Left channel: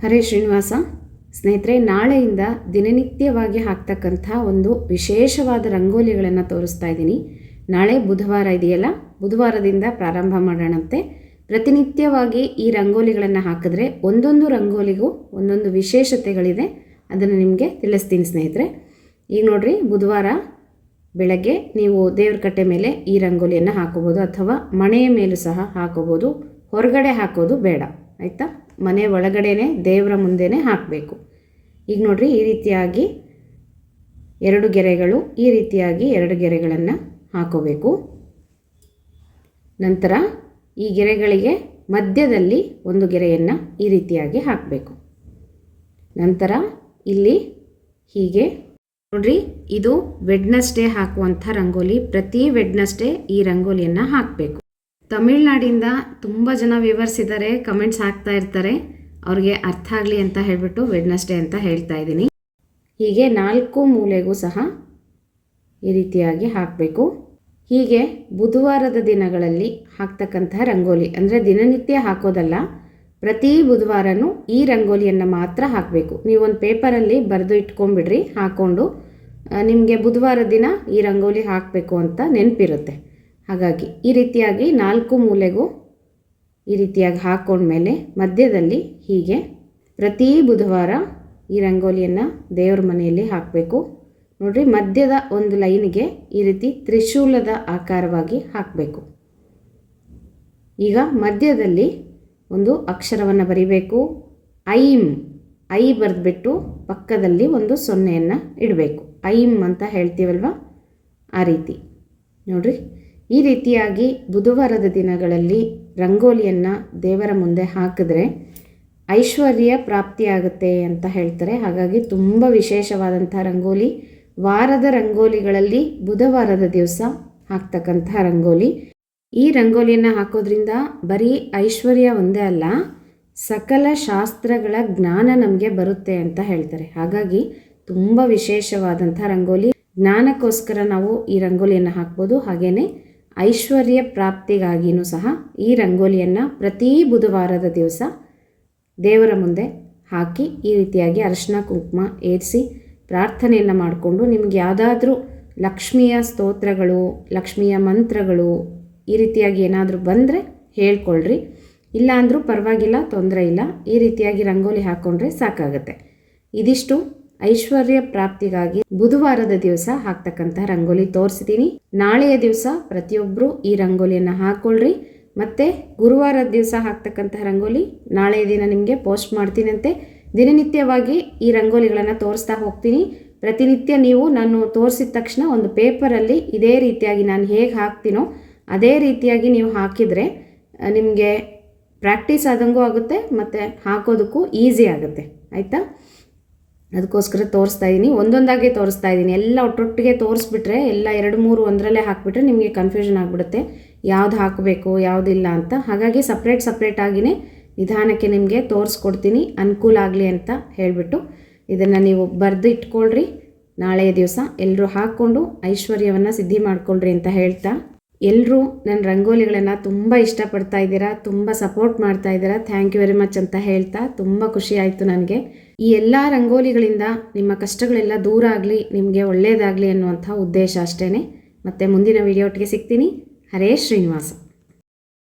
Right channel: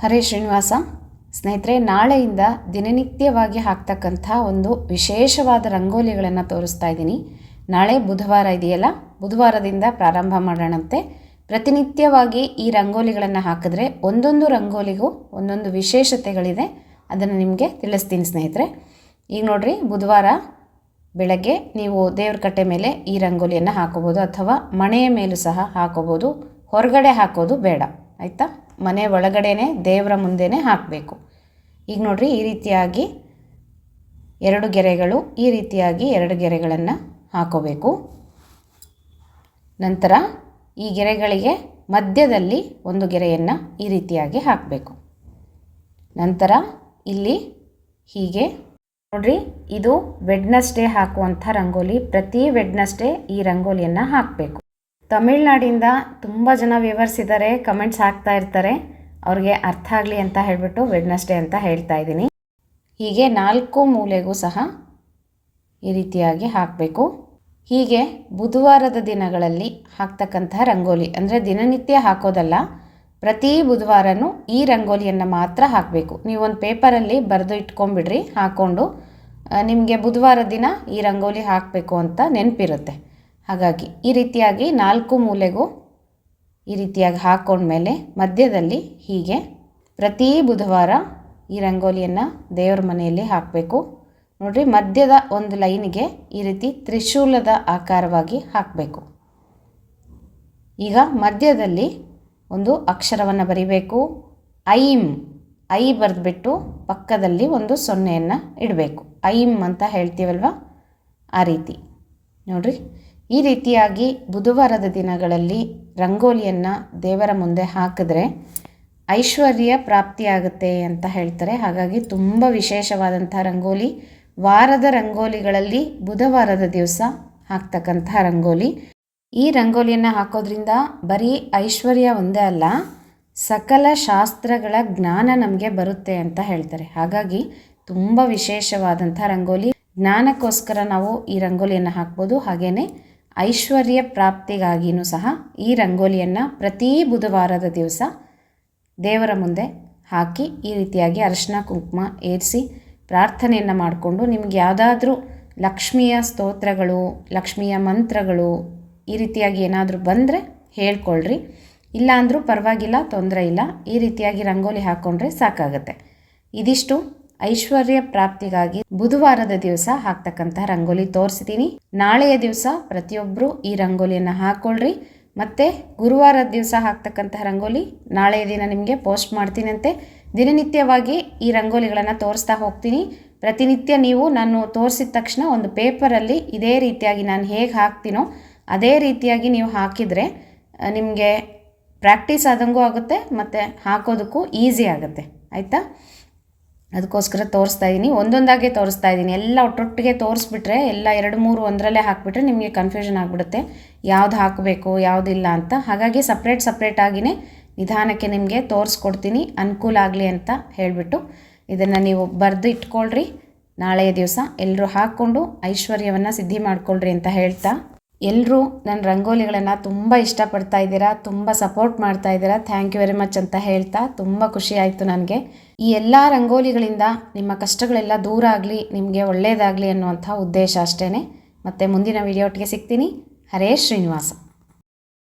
ಹರೇ ಶ್ರೀನಿವಾಸ. ಸ್ನೇಹಿತರೆ, ನಾಳೆಯಿಂದ ದಿನನಿತ್ಯವಾಗಿ ಹಾಕ್ತಕ್ಕಂಥ ಒಂದು ವಿಶೇಷವಾದ ರಂಗೋಲಿಗಳನ್ನು ತೋರಿಸ್ತಾ ಇದ್ದೀನಿ. ನಾಳೆ ಬುಧವಾರ ಇದೆಯಲ್ಲ? ಬುಧವಾರದಿಂದ ಪ್ರಾರಂಭ ಮಾಡೋಣಂತೆ. ಪ್ರತಿನಿತ್ಯವಾಗಿ ಈ ರಂಗೋಲಿಗಳನ್ನು ಹಾಕಿದ್ರೆ ಒಂದೊಂದು ರಂಗೋಲಿಗೂ ಒಂದೊಂದು ವಿಶೇಷತೆಗಳಿದೆ. ಅದನ್ನು ನಿಮಗೆ ತಿಳಿಸ್ತೀನಿ ಸ್ನೇಹಿತರೆ. ಈಗ ನೋಡಿರಿ, ಬುಧವಾರ ಬೆಳಗ್ಗೆ ನೀವು ದೇವ್ರ ಕಟ್ಟೆ ಮೇಲೆ ಈ ರಂಗೋಲಿಯನ್ನು ಹಾಕೋಬೋದು ಅಥವಾ ಮನೆಯ ಮೇಲೂ ಸಹ ಹಾಕೋಬೋದು. ಹೊರಗಡೆ ಹಾಕೋದು ಬೇಡ. ಆಯಿತಾ? ಮನೆ ಒಳಗಡೆನೇ ದೇವರ ಮುಂದೆನೇ ಹಾಕಬೇಕು. ಈಗ ನೋಡ್ರಿ ಈ ರೀತಿಯಾಗಿ ಎರಡು ಗೆರೆಗಳು, ಈ ರೀತಿಯಾಗಿ ಎರಡು ಗೆರೆಗಳನ್ನು ಹಾಕೋಬೇಕು. ನಂತರ ಈ ಗೆರೆಗಳಿಗೆ ಮಧ್ಯದಲ್ಲಿ ಒಂದು ಗೆರೆಯನ್ನು ಈ ರೀತಿಯಾಗಿ ಹಾಕಬೇಕು. ನಂತರ ಇಲ್ಲಿ ಹೀಗೆ ನೋಡ್ರಿ, ಇದು ವೆಡ್ನಸ್ಡೇ ಹಾಕುವಂಥ ರಂಗೋಲಿ, ಪ್ರತಿ ವೆಡ್ನಸ್ಡೇ ಈ ರಂಗೋಲಿಯನ್ನು ಹಾಕಬೇಕು. ತಮಿಳ್ನಾಡಿಂದ ತುಂಬ ಜನ ವ್ಯೂವರ್ಸ್ ಇದ್ದಾರೆ ಕಮೆಂಟ್ಸ್ ಹಾಕ್ತಾ ಇರ್ತಾರೆ. ಅವ್ರಿಗೆ ಅರ್ಥ ಆಗಲಿ ಅಂತ ಹೇಳಿಬಿಟ್ಟು ವೆಡ್ನಸ್ಡೇ ಅಂತ ಹೇಳ್ತಾ ಇದ್ದೀನಿ. ಹೀಗೆ ನಾಲ್ಕು ಮೂಲೆಗೂ ಸಹ ಈ ರೀತಿಯಾಗಿ ಹಾಕಬೇಕು. ಹೀಗೆ ಬುಧವಾರದ ದಿನಗಳಲ್ಲಿ ಹಾಕ್ತಕ್ಕಂತಹ ರಂಗೋಲಿ, ಅಂದರೆ ದಿನನಿತ್ಯ ಹಾಕೋದಲ್ಲ, ಪ್ರತಿ ಬುಧವಾರನೂ ಈ ರಂಗೋಲಿಯನ್ನು ಮಾತ್ರ ಹಾಕಬೇಕು. ನೀವೊಂದು ಪೇಪರಲ್ಲಿ ಬರೆದು ಇಟ್ಕೊಂಬಿಡ್ರಿ ಹಾಕ್ಕೊಂಡು ನಿಮಗೆ ಬುಧವಾರ ದಿನ ಈ ರಂಗೋಲಿ ಹಾಕಬೇಕು ಅಂತ ನೆನಪಿರುತ್ತೆ. ಹಾಗಾಗಿ ಈ ರೀತಿಯಾಗಿ ನಾಲ್ಕು ಮೂಲೆಗೂ ಈ ರೀತಿಯಾಗಿ ಹಾಕ್ಕೊಂಡ್ಮೇಲೆ ಮಧ್ಯದಲ್ಲಿ ಹೀಗೆ ಪ್ರತಿ ಬುಧವಾರ ಈ ರಂಗೋಲಿಯನ್ನು ದೇವ್ರ ಮನೆಯಲ್ಲಿ ಹಾಕಬೇಕು. ನೋಡಿರಿ, ಮಧ್ಯದ ಒಂದು ಲೈನಿಗೆ ಈ ರೀತಿ ತ್ರಿಶೂಲದ ಆಕಾರವಾಗಿ ಹಾಕಬೇಕು. ಈಗ ಮಧ್ಯದಲ್ಲಿ ಒಂದು ಅಕ್ಷರವನ್ನು ಬರಿಬೇಕು. ಐಮ್ ಐ ಬರೆದ್ಬಿಟ್ಟು ಪಕ್ಕದಲ್ಲಿ ಒಂದು ಸೊನ್ನೆಯನ್ನು ಇಡಬೇಕು. ಐಮ್ ಅಂತ ಹೇಳ್ತೀವಲ್ವ? ಆ ರೀತಿ. ನೋಡಿರಿ ಈ ರೀತಿಯಾಗಿ ಬುಧವಾರದ ದಿನಗಳಲ್ಲಿ ರಂಗೋಲಿಯನ್ನು ದೇವರ ಮುಂದೆ ಹಾಕಿದ್ರೆ ಐಶ್ವರ್ಯ ಪ್ರಾಪ್ತಿಯಾಗುತ್ತೆ ಅಂತ ಹೇಳ್ತಾರೆ. ಹಾಗಾಗಿ ತುಂಬ ವಿಶೇಷವಾದಂಥ ರಂಗೋಲಿ, ವಾರದ ರಂಗೋಲಿಗಳಲ್ಲಿ ಬುಧವಾರದ ದಿವಸ ಹಾಕ್ತಕ್ಕಂಥ ರಂಗೋಲಿ. ಈ ರಂಗೋಲಿಯನ್ನು ಹಾಕೋದ್ರಿಂದ ಬರೀ ಐಶ್ವರ್ಯ ಒಂದೇ ಅಲ್ಲ, ಸಕಲ ಶಾಸ್ತ್ರಗಳ ಜ್ಞಾನ ನಮಗೆ ಬರುತ್ತೆ ಅಂತ ಹೇಳ್ತಾರೆ. ಹಾಗಾಗಿ ತುಂಬ ವಿಶೇಷವಾದಂಥ ರಂಗೋಲಿ. ಜ್ಞಾನಕ್ಕೋಸ್ಕರ ನಾವು ಈ ರಂಗೋಲಿಯನ್ನು ಹಾಕ್ಬೋದು. ಹಾಗೆಯೇ ಐಶ್ವರ್ಯ ಪ್ರಾಪ್ತಿಗಾಗಿಯೂ ಸಹ ಈ ರಂಗೋಲಿಯನ್ನು ಪ್ರತಿ ಬುಧವಾರದ ದಿವಸ ದೇವರ ಮುಂದೆ ಹಾಕಿ ಈ ರೀತಿಯಾಗಿ ಅರಿಶಿನ ಕುಂಕುಮ ಏರಿಸಿ ಪ್ರಾರ್ಥನೆಯನ್ನು ಮಾಡಿಕೊಂಡು ನಿಮಗೆ ಯಾವುದಾದ್ರೂ ಲಕ್ಷ್ಮಿಯ ಸ್ತೋತ್ರಗಳು, ಲಕ್ಷ್ಮಿಯ ಮಂತ್ರಗಳು ಈ ರೀತಿಯಾಗಿ ಏನಾದರೂ ಬಂದರೆ ಹೇಳ್ಕೊಳ್ರಿ. ಇಲ್ಲಾಂದರೂ ಪರವಾಗಿಲ್ಲ, ತೊಂದರೆ ಇಲ್ಲ. ಈ ರೀತಿಯಾಗಿ ರಂಗೋಲಿ ಹಾಕ್ಕೊಂಡ್ರೆ ಸಾಕಾಗುತ್ತೆ. ಇದಿಷ್ಟು. ಐಶ್ವರ್ಯ ಪ್ರಾಪ್ತಿಗಾಗಿ ಬುಧವಾರದ ದಿವಸ ಹಾಕ್ತಕ್ಕಂತಹ ರಂಗೋಲಿ ತೋರಿಸಿದ್ದೀನಿ. ನಾಳೆಯ ದಿವಸ ಪ್ರತಿಯೊಬ್ಬರು ಈ ರಂಗೋಲಿಯನ್ನು ಹಾಕ್ಕೊಳ್ರಿ ಮತ್ತು ಗುರುವಾರದ ದಿವಸ ಹಾಕ್ತಕ್ಕಂತಹ ರಂಗೋಲಿ ನಾಳೆಯ ದಿನ ನಿಮಗೆ ಪೋಸ್ಟ್ ಮಾಡ್ತೀನಂತೆ. ದಿನನಿತ್ಯವಾಗಿ ಈ ರಂಗೋಲಿಗಳನ್ನು ತೋರಿಸ್ತಾ ಹೋಗ್ತೀನಿ. ಪ್ರತಿನಿತ್ಯ ನೀವು ನಾನು ತೋರಿಸಿದ ತಕ್ಷಣ ಒಂದು ಪೇಪರಲ್ಲಿ ಇದೇ ರೀತಿಯಾಗಿ ನಾನು ಹೇಗೆ ಹಾಕ್ತೀನೋ ಅದೇ ರೀತಿಯಾಗಿ ನೀವು ಹಾಕಿದರೆ ನಿಮಗೆ ಪ್ರಾಕ್ಟೀಸ್ ಆದಂಗೂ ಆಗುತ್ತೆ, ಮತ್ತು ಹಾಕೋದಕ್ಕೂ ಈಸಿ ಆಗುತ್ತೆ. ಆಯಿತಾ? ಅದಕ್ಕೋಸ್ಕರ ತೋರಿಸ್ತಾ ಇದ್ದೀನಿ ಒಂದೊಂದಾಗಿ ತೋರಿಸ್ತಾ ಇದ್ದೀನಿ ಎಲ್ಲ ಒಟ್ಟೊಟ್ಟಿಗೆ ತೋರಿಸ್ಬಿಟ್ರೆ ಎಲ್ಲ ಎರಡು, ಮೂರು, ಒಂದರಲ್ಲೇ ಹಾಕಿಬಿಟ್ರೆ ನಿಮಗೆ ಕನ್ಫ್ಯೂಷನ್ ಆಗಿಬಿಡುತ್ತೆ. ಯಾವ್ದು ಹಾಕಬೇಕು ಯಾವುದಿಲ್ಲ ಅಂತ. ಹಾಗಾಗಿ ಸಪ್ರೇಟ್ ಸಪ್ರೇಟಾಗಿಯೇ ನಿಧಾನಕ್ಕೆ ನಿಮಗೆ ತೋರಿಸ್ಕೊಡ್ತೀನಿ. ಅನುಕೂಲ ಆಗಲಿ ಅಂತ ಹೇಳಿಬಿಟ್ಟು ಇದನ್ನು ನೀವು ಬರೆದು ಇಟ್ಕೊಳ್ರಿ. ನಾಳೆಯ ದಿವಸ ಎಲ್ಲರೂ ಹಾಕ್ಕೊಂಡು ಐಶ್ವರ್ಯವನ್ನು ಸಿದ್ಧಿ ಮಾಡ್ಕೊಳ್ರಿ ಅಂತ ಹೇಳ್ತಾ ಎಲ್ಲರೂ ನನ್ನ ರಂಗೋಲಿಗಳನ್ನು ತುಂಬ ಇಷ್ಟಪಡ್ತಾ ಇದ್ದೀರಾ, ತುಂಬ ಸಪೋರ್ಟ್ ಮಾಡ್ತಾ ಇದ್ದೀರಾ ಥ್ಯಾಂಕ್ ಯು ವೆರಿ ಮಚ್ ಅಂತ ಹೇಳ್ತಾ ತುಂಬ ಖುಷಿ ಆಯಿತು ನನಗೆ. ಈ ಎಲ್ಲ ರಂಗೋಲಿಗಳಿಂದ ನಿಮ್ಮ ಕಷ್ಟಗಳೆಲ್ಲ ದೂರ ಆಗಲಿ, ನಿಮಗೆ ಒಳ್ಳೆಯದಾಗಲಿ ಅನ್ನುವಂಥ ಉದ್ದೇಶ ಅಷ್ಟೇ ಮತ್ತು ಮುಂದಿನ ವೀಡಿಯೋಟ್ಗೆ ಸಿಗ್ತೀನಿ. ಹರೇ ಶ್ರೀನಿವಾಸ.